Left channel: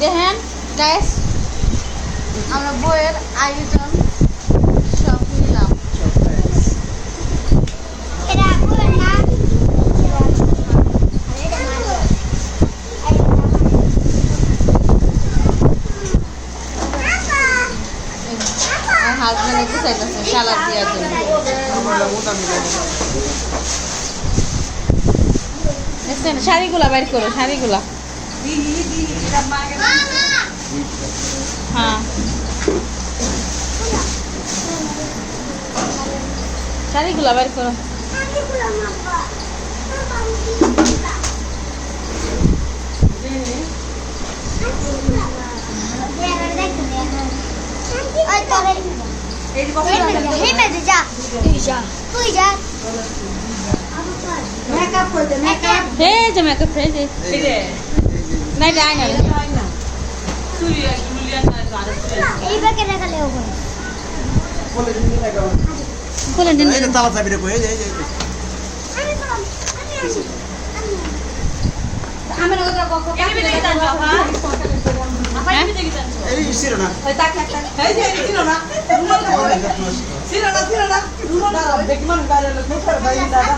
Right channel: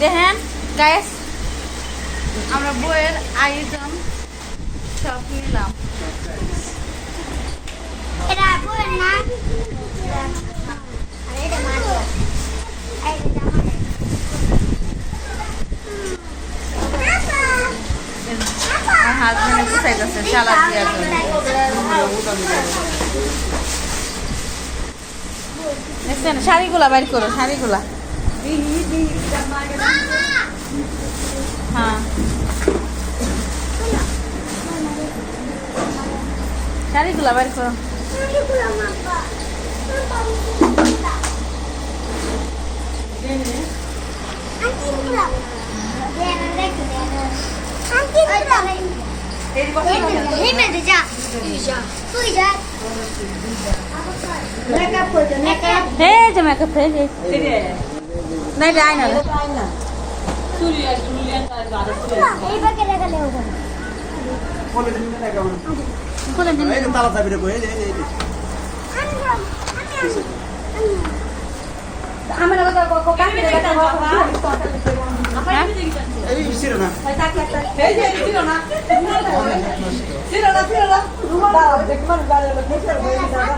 দেখেন গাইস, আমরা বইয়ের আয়োজন সব নিলাম। আমার হাজবেন্ডে গুছাইতেছে সালাদ দেওয়ার জন্য। দেখছেন শাড়িগুলা বাইর করো, শাড়িগুলা। হ্যাঁ, শাড়িগুলা বাইর করো। হে যে মেকআপ হে যে নাই যাই না রে কোলে দিন এই তাও চাবি কই এই এই আমরা কথা কাকে দেখা এই সিরো না টাক টাক এই যে সিরো না সিরো না রুমাল দেখি মান বাইরে লোক মুছার বাইরে দাদা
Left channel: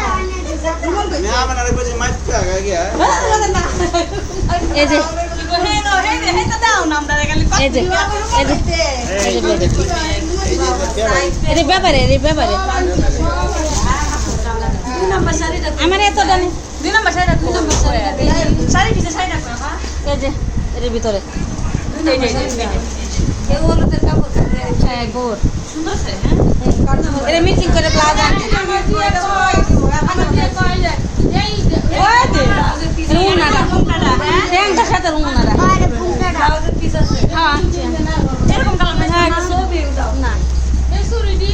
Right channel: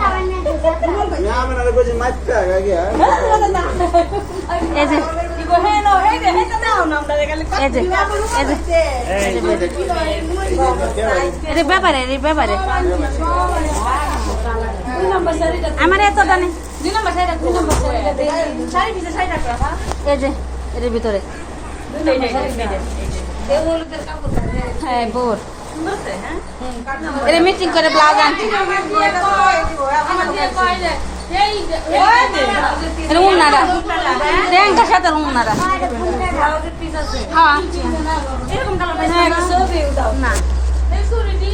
রুমাল কই না আমরা কই মাইপ টাকা গিয়া এই যে কি কই হে নো হে হে তা দাও না আমরা গেলে এই যে এই ব্যাপারে আমার এত দানে 2 নম্বর শাড়িটা 2 নম্বর শাড়িটা শাড়ি পিছে শাড়িটা পাবা এই যে এর ভিতরে এই হলুদের কাপড় হ্যাঁ গোর সুন্দর আছে হ্যাঁ এর মিটিং করে ব্লাউজ আনতে আমার দিয়ে কই দে এই ওই দে রুনারা রেঙ্গা সাথে রুনারা আমাদের পিস আছে হ্যাঁ আনছি এরকম কালার ছবি দাও না এই সুরিডি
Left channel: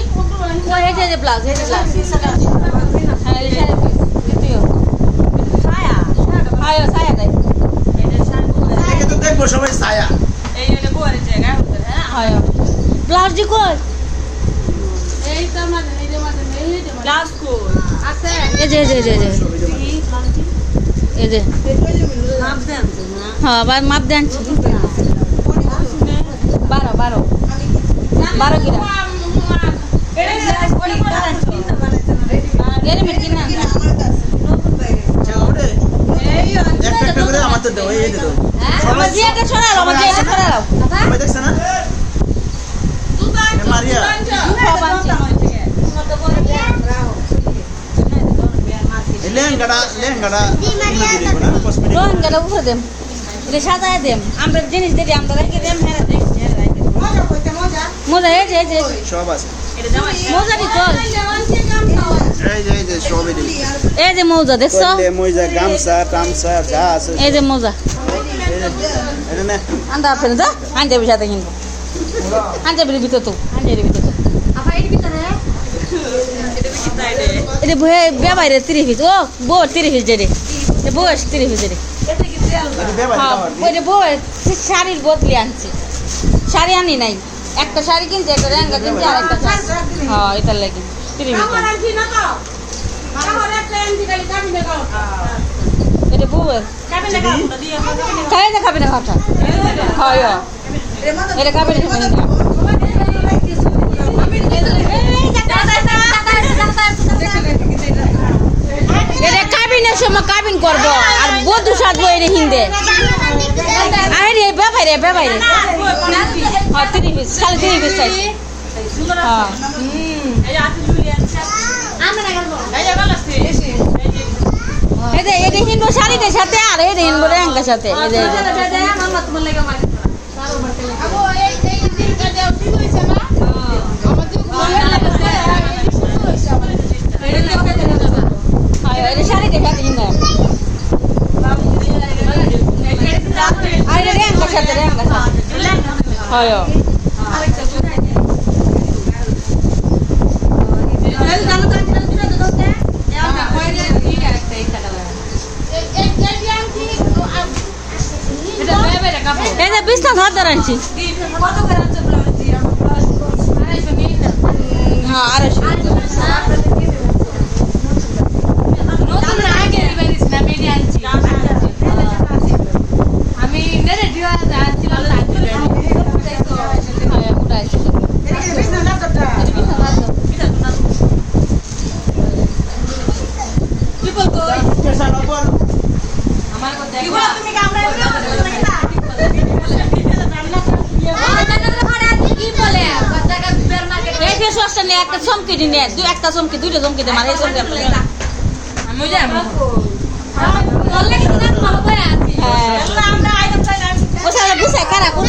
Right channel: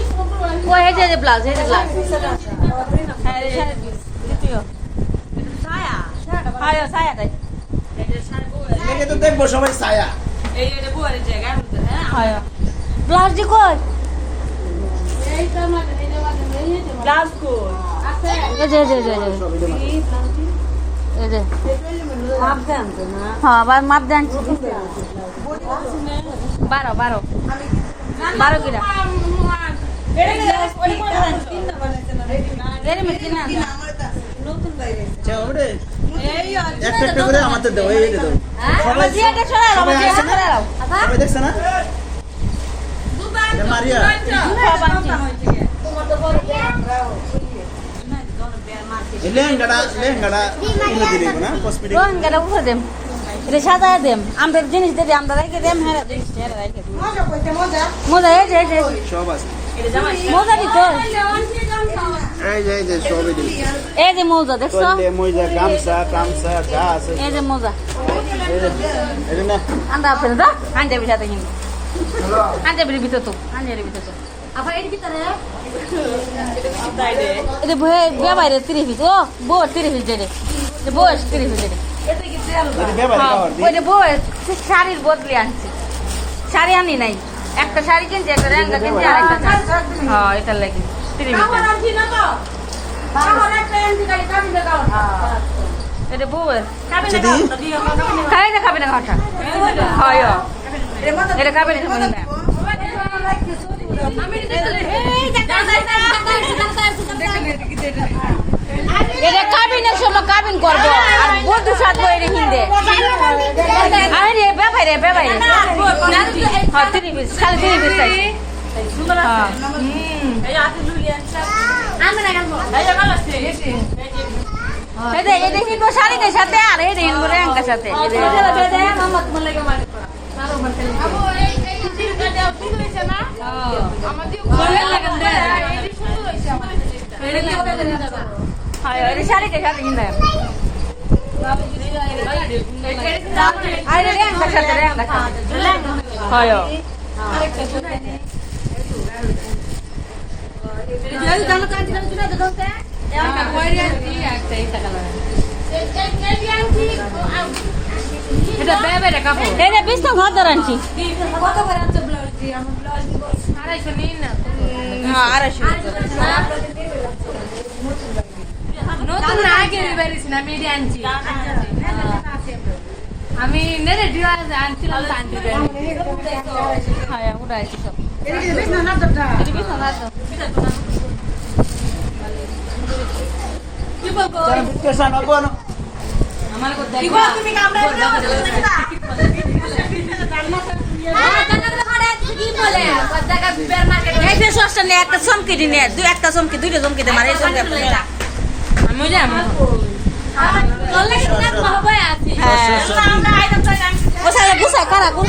ওই এই যে ব্লাউজ এই যে ব্লাউজ হ্যাঁ এই শাড়ি পিস দিও ছায়া ছায়া দেয় দেখে তো দেখবো সবাই ছায়া এই এটা বড় জায়গা হচ্ছে হ্যাঁ আয় ব্লাউজ দি কই এই তো মানে নিতে মানে এই যে ব্লাউজ কই আছে এই যে এই যে মাপ দেন না হ্যাঁ মাপ দেন 12 গিরা এর মে কিনা নতুন বাইরে ওরে এই একটা করে আমাদের দাও এই দাও সবাই এটা ছড়াও সবাই দেখছ না এটা মারিয়া লেহেঙ্গাটা উঠে দেম এটা সাজায় দেম আমরা জিনিস দেরি আমরা রেখে দেম হ্যাঁ মোজা এই যে সব আছে মোজা দিত এই যে সবই দিই এই যে মোজা দেখছো মোজা গামছা টামছা যা আছে এই যে মোজা এটা নে আন্দা আপনি তো আনতে বিছাতে কিন্তু আনতে ভিতর তো আপা এর ভিতরে এটা বে বাইরে 30 পিস ও বো 30 পিস দে এ বো 30 পিস দে এটা বে বাইরে ওই যে বো শাড়ির বদলি আনছি শাড়ি আনি নাই একটা শাড়ি কিনছি একটা লেহেঙ্গা কিনছি আর একটা শাড়ি হ্যাঁ এটা লাগি 30 পিস আনছি না তো তাহলে একটা আনছি খালি কাবিনে দাও এটা বো কাবিনে দাও দিও কাবিনে খাটা হয় এটা কাবিনে খাবি না এটা কাবিনের সময় কাবিন করবো আর বধু সাজবো এটা হিন্দে আরে বেবাই রে হ্যাঁ 30 পিস খালি 30 পিস চাই হ্যাঁ এই আছে লুলিয়া আমি না গেল এই ভালো আছে এটা হিন্দু শাড়িটার সাথে আর এটা হিন্দু রেঙ্গার সাথে এই যে মামা তোমার লাগে মার আবো এই দিনটা দেও ঠিক হইছে না আমাদের ঘরের লাগে এই সুন্দর হইছে আমাদের এটা কি হবে না হ্যাঁ এটা শাড়িটার সাথে হিন্দু আর রেঙ্গার সাথে হয় আরেকটা শুনাই দে এই জানো কাজ না শুনে দাও তে এটা কইরে কি একটা এই টাকা লাগা এই বিয়ানটি এটা বেবে রে কাপড় এটা 20 টাকা ধরে আনছি কি কত করে আনছে ব্লাউজ দি আমরা ব্লাউজ 250 নিই না হ্যাঁ 250 নতুন আগে দিবেন না বিরিয়ানি আনছি আমি আমি রেডি হয়ে যাচ্ছিলাম হ্যাঁ উঠাইছি সব এটা বিছানা দাও এই ফেস ওয়াশটা নে একটা চমকি দি নে একটা চমকি দুইটা চমকি দে মারে চমকি আপনি আমি যাই হ্যাঁ ওটা গুছায় কারা কোন